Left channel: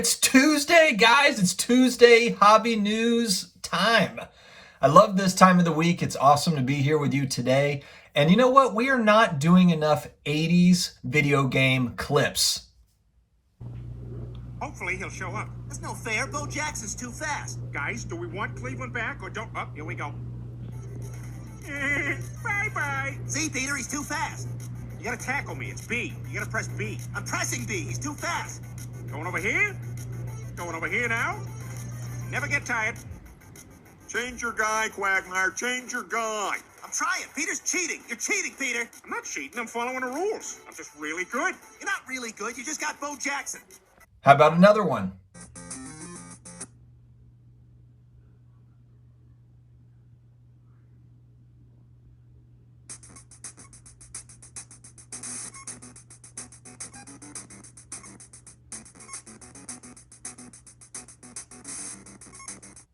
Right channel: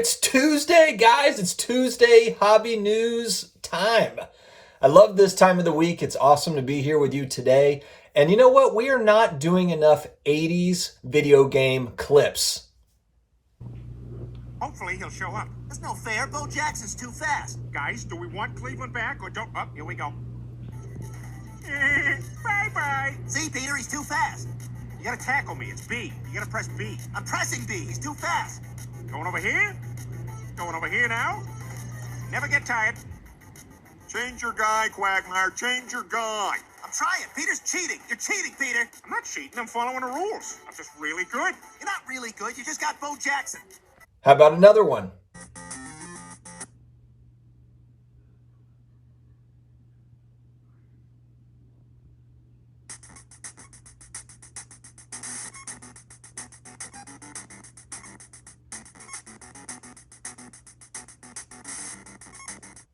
It's Tuesday, guys. It's Tuesday hobby news time. I love this time of the week. It's awesome to be here with you today. And you know what? We are not doing enough 80s video game clips. Hopefully he'll show up. That's no fair. Bo Jackson's too fast. Guys, do we want Cleveland back or don't? Oh, here we go. Bye-bye. See, Peter, he's too fast. You gotta tackle me. It's B. You gotta press B. I'm pressing B. He's too fast. Going over here. Going over here now. Never get tired. Change your guy, Quagmire. Change your guy. I'm trying. Peter's cheating. You're cheating, Peter. I'm not cheating. I'm following the rules. I'm just really good. You're not really good. You just got Bo Jackson. How about another one?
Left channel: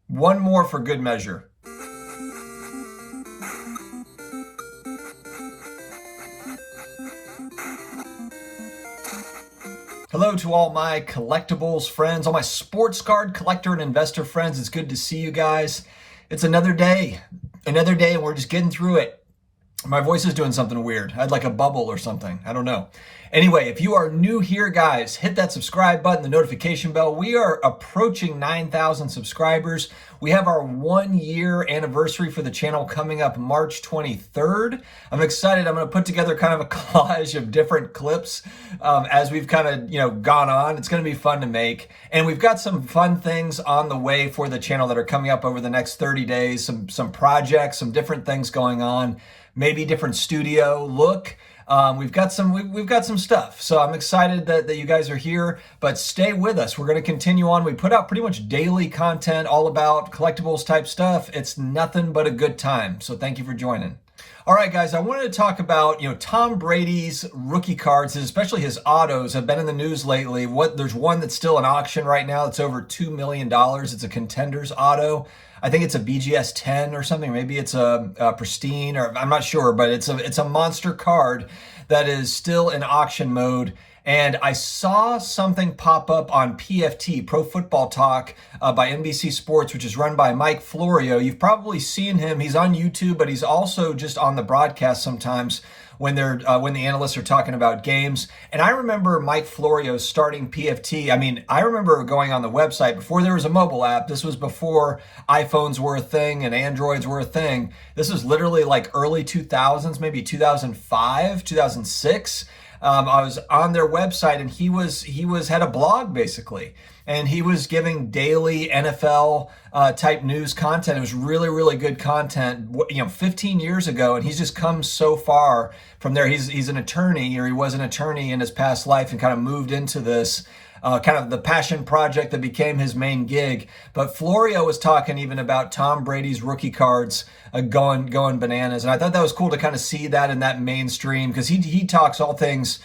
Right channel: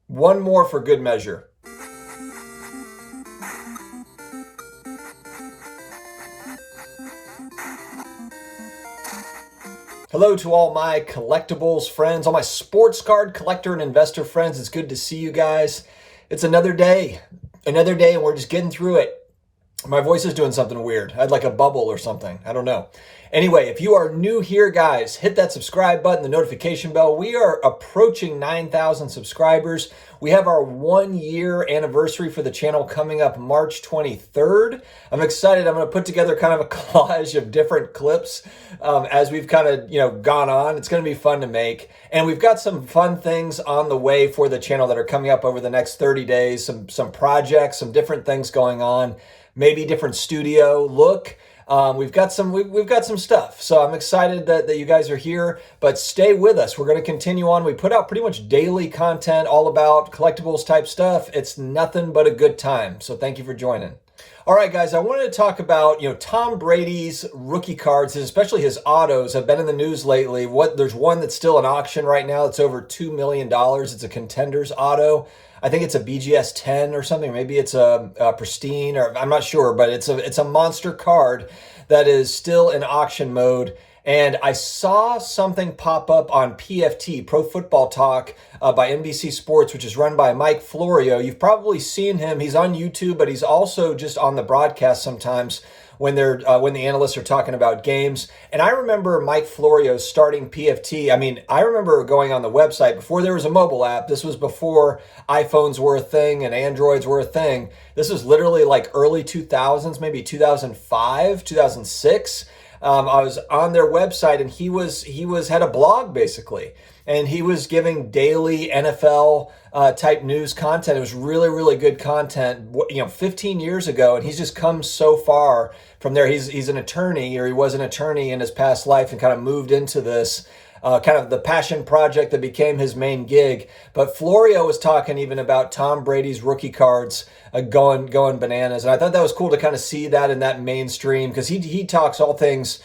One more for good measure. Hello to all my collectibles friends, all my sports card collector and investor friends. It's good to see you guys. It's another day, and we're just getting through it. My voice is doing something weird. I had like a bubble or something. I don't know. Anyway, if you are new here, guys, hit that subscribe button, the notification bell. We are approaching 9,000 subscribers. We have our 1-year anniversary for the channel coming up March 23rd. I'm excited. I'm going to put together kind of a collage of different clips as we've kind of, gone on. It's going to be fun to make. And we've got some fun things on the way for the channel that are coming up over the next 30 days. Some projects, some different things going on. Maybe different studio look. We've got some stuff. So I'm excited that you guys are here, but stay with us. We're going to continue on. We put out pretty much daily content all about collectibles type stuff. It's nothing but a good time. So thank you for joining. All right, guys, I wanted to talk about, Tom Brady's rookie cards, especially his autos, have been in the news lately. There's one that's still in auction right now. It's over $2 million. It's a Contenders auto. I think it's a BGS 10 or something. Maybe it's a Pristine, or I'm not sure, but it's a monster card that is still in auction mode. And I saw something pop up on PFT, Pro Football Talk, by NBC Sports, which is run by Mike Florio. You've probably seen him. He's on YouTube, but he's also just on the broadcast sometimes when the analysts are talking about games. And I remember Mike Florio starting PFT. I mean, I remember going on the website before there was a mobile app. This was before iPhones were a thing and Androids were a thing. This was literally like early 2000s, maybe 2005, 2006. I was on their website, and he had a blog basically, and he was giving daily NFL type news content. It was really, really good content, 15 years ago, and he's just come so far from there. He's an attorney, or he was an attorney in his past life, and kind of moved into this kind of the passion project that became his main gig. But Florio was talking even about Tom Brady's rookie cards going bananas, and I thought that was cool to kind of see that in that mainstream, because he talks all things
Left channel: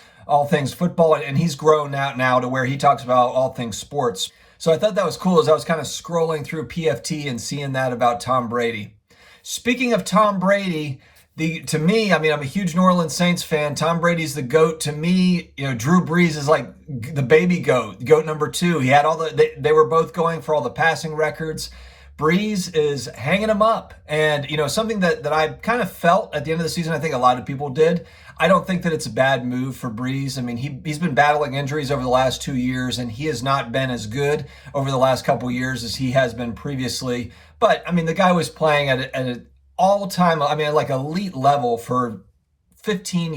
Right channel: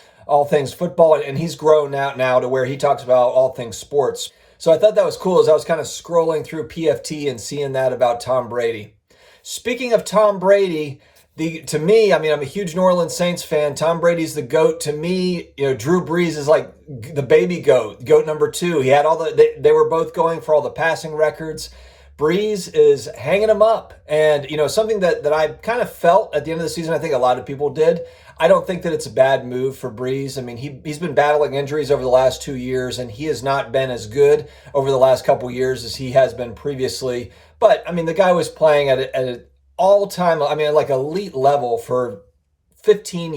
football, and he's grown out now to where he talks about all things sports. So I thought that was cool as I was kind of scrolling through PFT and seeing that about Tom Brady. Speaking of Tom Brady, to me, I mean, I'm a huge New Orleans Saints fan. Tom Brady's the GOAT. To me, Drew Brees is like the baby GOAT number 2. He had they were both going for all the passing records. Brees is hanging him up. And, something that I kind of felt at the end of the season, I think a lot of people did. I don't think that it's a bad move for Brees. I mean, he's been battling injuries over the last 2 years, and he has not been as good over the last couple years as he has been previously. But, I mean, the guy was playing at an all-time, like elite level for 15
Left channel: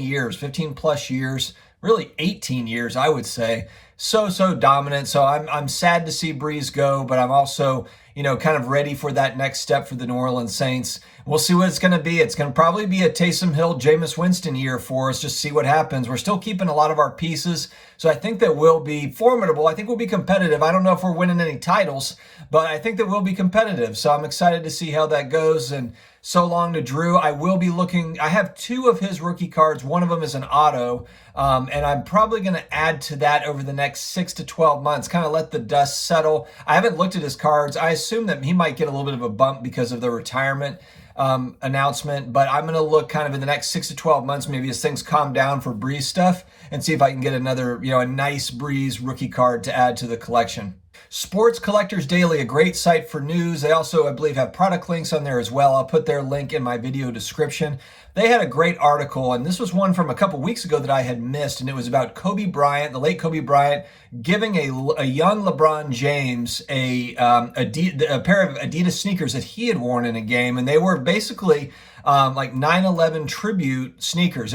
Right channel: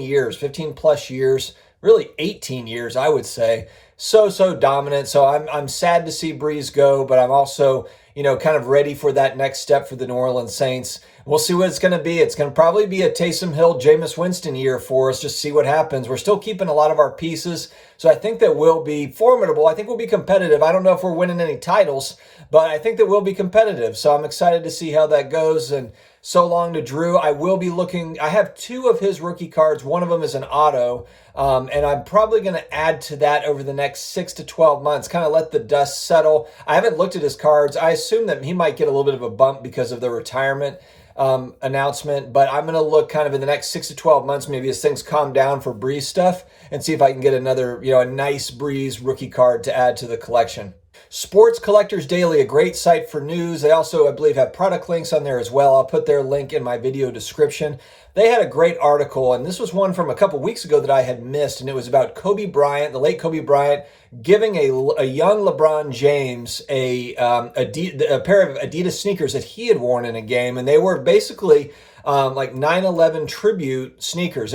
plus years, really 18 years, I would say. So dominant. So I'm sad to see Brees go, but I'm also, kind of ready for that next step for the New Orleans Saints. We'll see what it's going to be. It's going to probably be a Taysom Hill, Jameis Winston year for us. Just see what happens. We're still keeping a lot of our pieces, so I think that we'll be formidable. I think we'll be competitive. I don't know if we're winning any titles, but I think that we'll be competitive. So I'm excited to see how that goes. And so long to Drew. I will be looking. I have 2 of his rookie cards. One of them is an auto, and I'm probably going to add to that over the next 6 to 12 months, kind of let the dust settle. I haven't looked at his cards. I assume that he might get a little bit of a bump because of the retirement. announcement, but I'm going to look kind of in the next 6 to 12 months, maybe as things calm down for Breeze stuff, and see if I can get another, a nice Breeze rookie card to add to the collection. Sports Collectors Daily, a great site for news. They also, I believe, have product links on there as well. I'll put their link in my video description. They had a great article, and this was one from a couple weeks ago that I had missed, and it was about Kobe Bryant, the late Kobe Bryant, giving a young LeBron James a pair of Adidas sneakers that he had worn in a game, and they were basically like 9/11 tribute sneakers.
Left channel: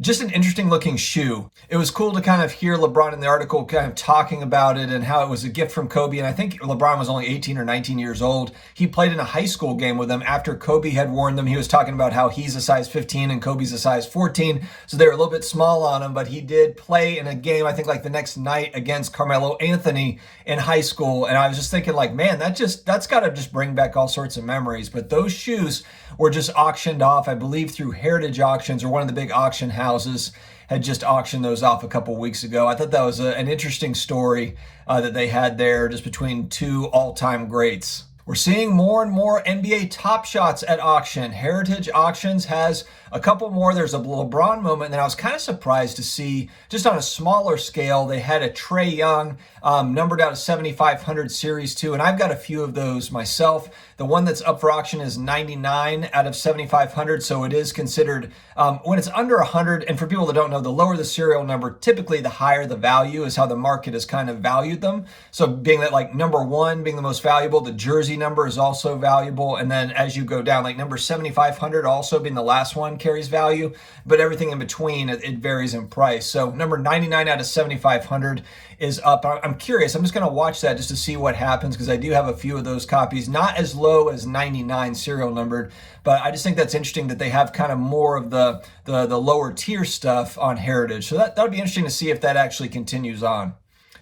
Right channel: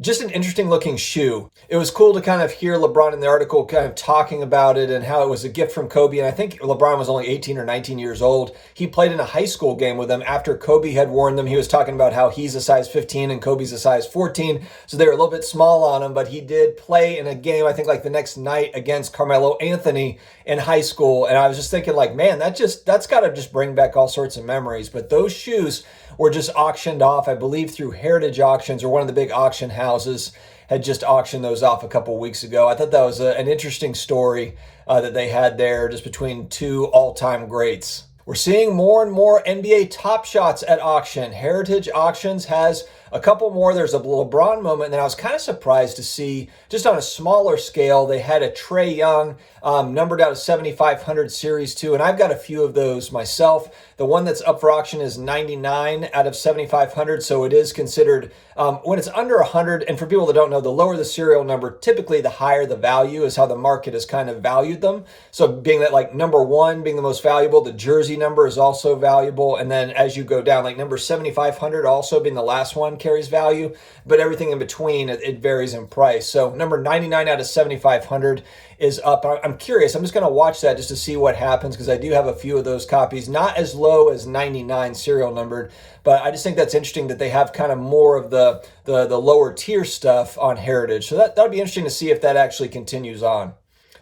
Just an interesting looking shoe. It was cool to kind of hear LeBron in the article kind of talking about it and how it was a gift from Kobe. And I think LeBron was only 18 or 19 years old. He played in a high school game with them after Kobe had worn them. He was talking about how he's a size 15 and Kobe's a size 14. So they were a little bit small on him, but he did play in a game, I think like the next night against Carmelo Anthony in high school. And I was just thinking like, man, that's got to just bring back all sorts of memories. But those shoes were just auctioned off, I believe, through Heritage Auctions, or one of the big auction houses had just auctioned those off a couple weeks ago. I thought that was an interesting story that they had there, just between two all-time greats. We're seeing more and more NBA Top Shots at auction. Heritage Auctions has a couple more. There's a LeBron moment, and I was kind of surprised to see, just on a smaller scale, they had a Trae Young numbered out of 7,500 Series 2, and I've got a few of those myself. The one that's up for auction is 99 out of 7,500, so it is considered, when it's under 100, and for people that don't know, the lower the serial number, typically the higher the value is how the market has kind of valued them. So being that like number 1 being the most valuable, the jersey number is also valuable, and then as you go down, like number 7,500 also being the last one carries value, but everything in between, it varies in price. So number 99 out of 7,500 is up. I'm curious. I'm just going to watch that just to see what happens, because I do have a few of those copies, not as low as 99 serial numbered, but I just think that's interesting that they have kind of more of the lower tier stuff on Heritage. So that'll be interesting to see if that actually continues on.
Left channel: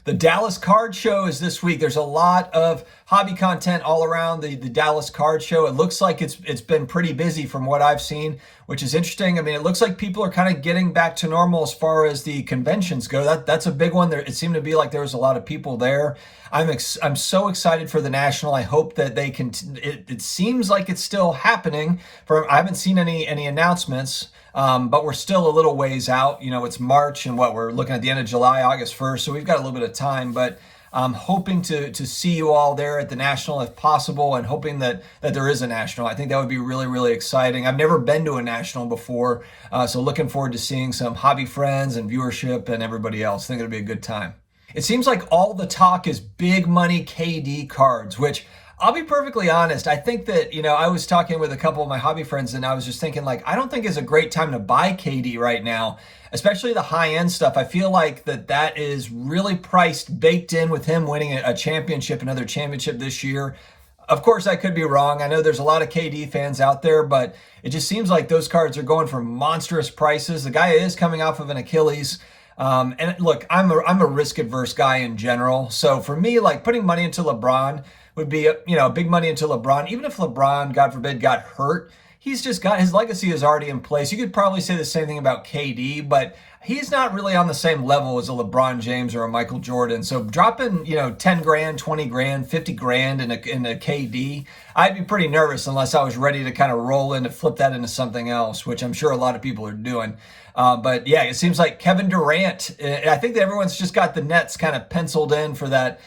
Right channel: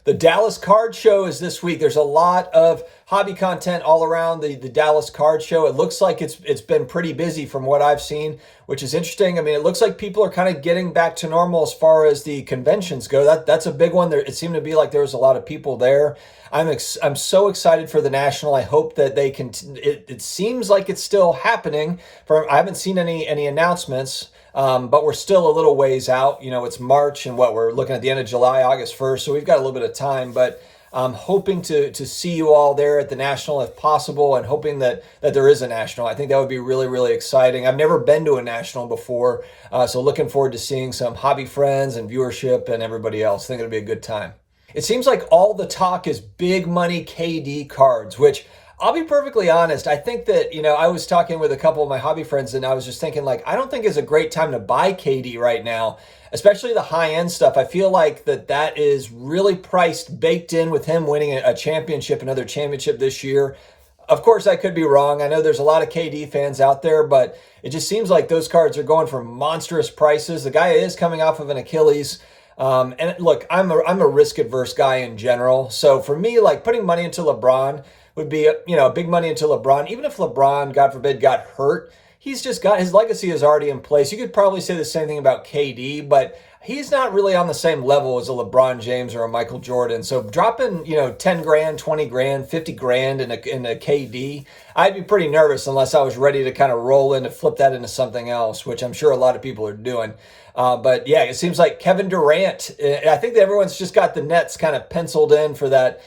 The Dallas Card Show is this week. There's a lot of hobby content all around the Dallas Card Show. It looks like it's been pretty busy from what I've seen, which is interesting. I mean, it looks like people are kind of getting back to normal as far as the conventions go. That's a big one. It seemed to be like there was a lot of people there. I'm so excited for the National. I hope that they can. It seems like it's still happening. I haven't seen any announcements. But we're still a little ways out. It's March, and we're looking at the end of July, August 1st, so we've got a little bit of time, but I'm hoping to see you all there at the National if possible, and hoping that there is a National. I think that would be really, really exciting. I've never been to a National before, so looking forward to seeing some hobby friends and viewership and everybody else. I think it'll be a good time. It seems like all the talk is big money KD cards, which I'll be perfectly honest. I think that, I was talking with a couple of my hobby friends, and I was just thinking, like, I don't think it's a great time to buy KD right now, especially the high-end stuff. I feel like that is really priced, baked in with him winning a championship, another championship this year. Of course, I could be wrong. I know there's a lot of KD fans out there, but it just seems like those cards are going for monstrous prices. The guy is coming off of an Achilles. And look, I'm a risk-adverse guy in general. So for me, like, putting money into LeBron would be, big money into LeBron. Even if LeBron, God forbid, got hurt, he's just got, his legacy is already in place. You could probably say the same thing about KD, but he's not really on the same level as a LeBron James or a Michael Jordan. So dropping, 10 grand, 20 grand, 50 grand in a KD, I'd be pretty nervous unless I was ready to kind of roll in to flip that into something else, which I'm sure a lot of people are doing. But yeah, it seems like Kevin Durant, I think that everyone's just got the Nets kind of penciled in for that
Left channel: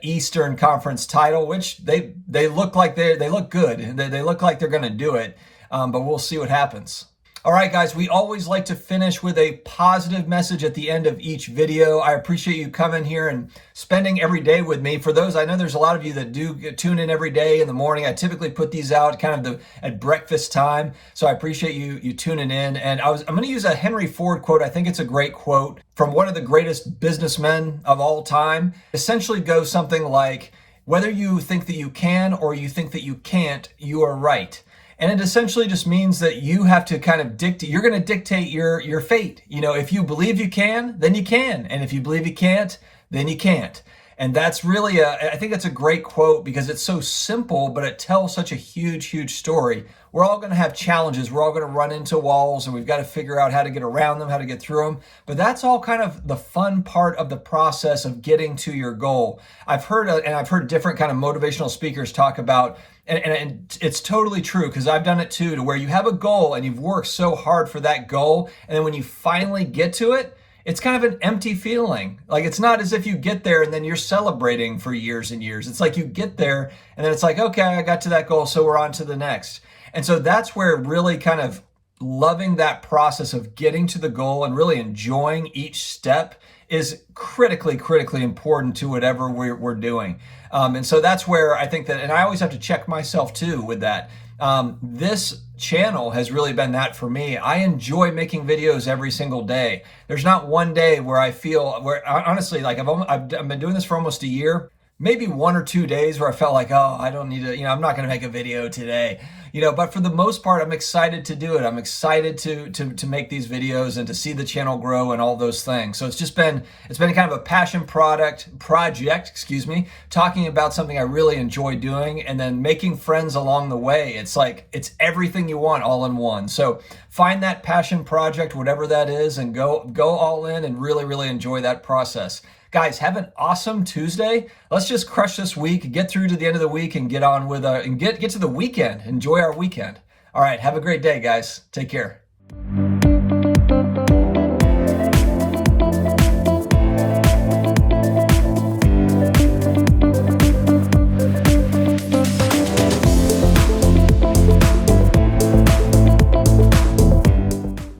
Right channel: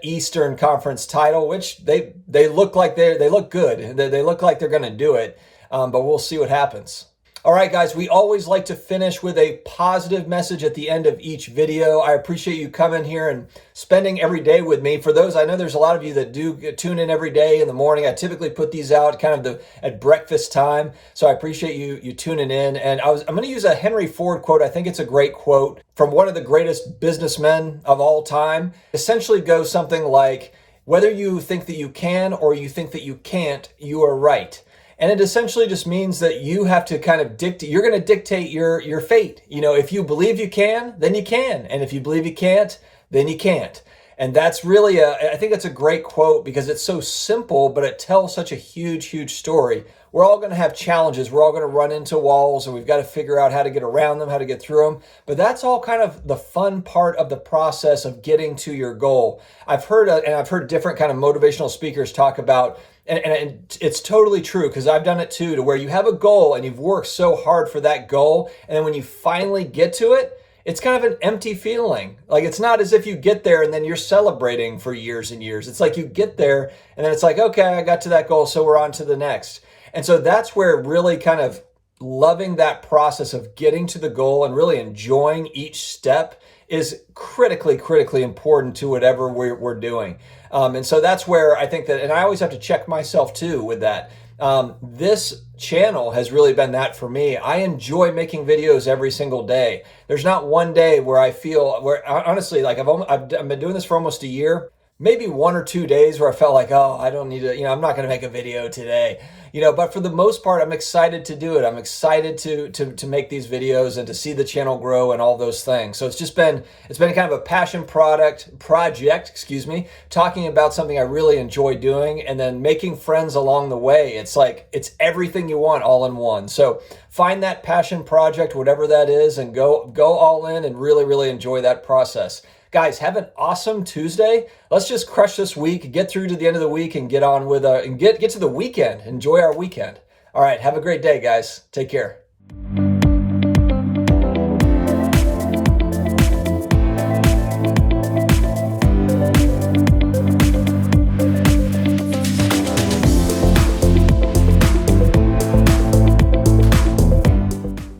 Eastern Conference title, which they look like they look good. They look like they're going to do it, but we'll see what happens. All right, guys, we always like to finish with a positive message at the end of each video. I appreciate you coming here and spending every day with me. For those, I know there's a lot of you that do tune in every day in the morning. I typically put these out kind of at breakfast time, so I appreciate you tuning in. And I'm going to use a Henry Ford quote. I think it's a great quote from one of the greatest businessmen of all time. Essentially goes something like, whether you think that you can or you think that you can't, you are right. And it essentially just means that you have to kind of you're going to dictate your fate. If you believe you can, then you can. And if you believe you can't, then you can't. And that's really I think that's a great quote, because it's so simple, but it tells such a huge, huge story. We're all going to have challenges. We're all going to run into walls, and we've got to figure out how to get around them, how to get through them. But that's all kind of the fun part of the process of getting to your goal. I've heard different kind of motivational speakers talk about And it's totally true, because I've done it too, to where you have a goal and you've worked so hard for that goal, and then when you finally get to it, it's kind of an empty feeling. Like, it's not as if you get there and then you're celebrating for years and years. It's like you get there and then it's like, okay, I got to that goal, so we're on to the next. And so that's where really kind of loving that process of getting to the goal and really enjoying each step is critically important to whatever we're doing. And so that's where I think that, and I always have to check myself too with that. This channel has really been that for me. I enjoy making videos every single day. There's not one day where I feel, where honestly, like I've been doing this for almost a year. Maybe 1 or 2 days where I felt like, oh, I don't need to, I'm not going to make a video today, but for the most part, I'm excited to do it. I'm excited to make these videos and to see the channel grow and all those things. So it's been kind of a passion project, talking about something I really enjoy doing, and then making friends along the way. It's like, it's everything you want all in one. So find that passion project, whatever that is, and go all in and really enjoy that process. Guys, have an awesome Tuesday. Let's just crush this week, get through to the end of the week, and get on with and get to the weekend. Enjoy our weekend. All right, have a great day, guys. Take care.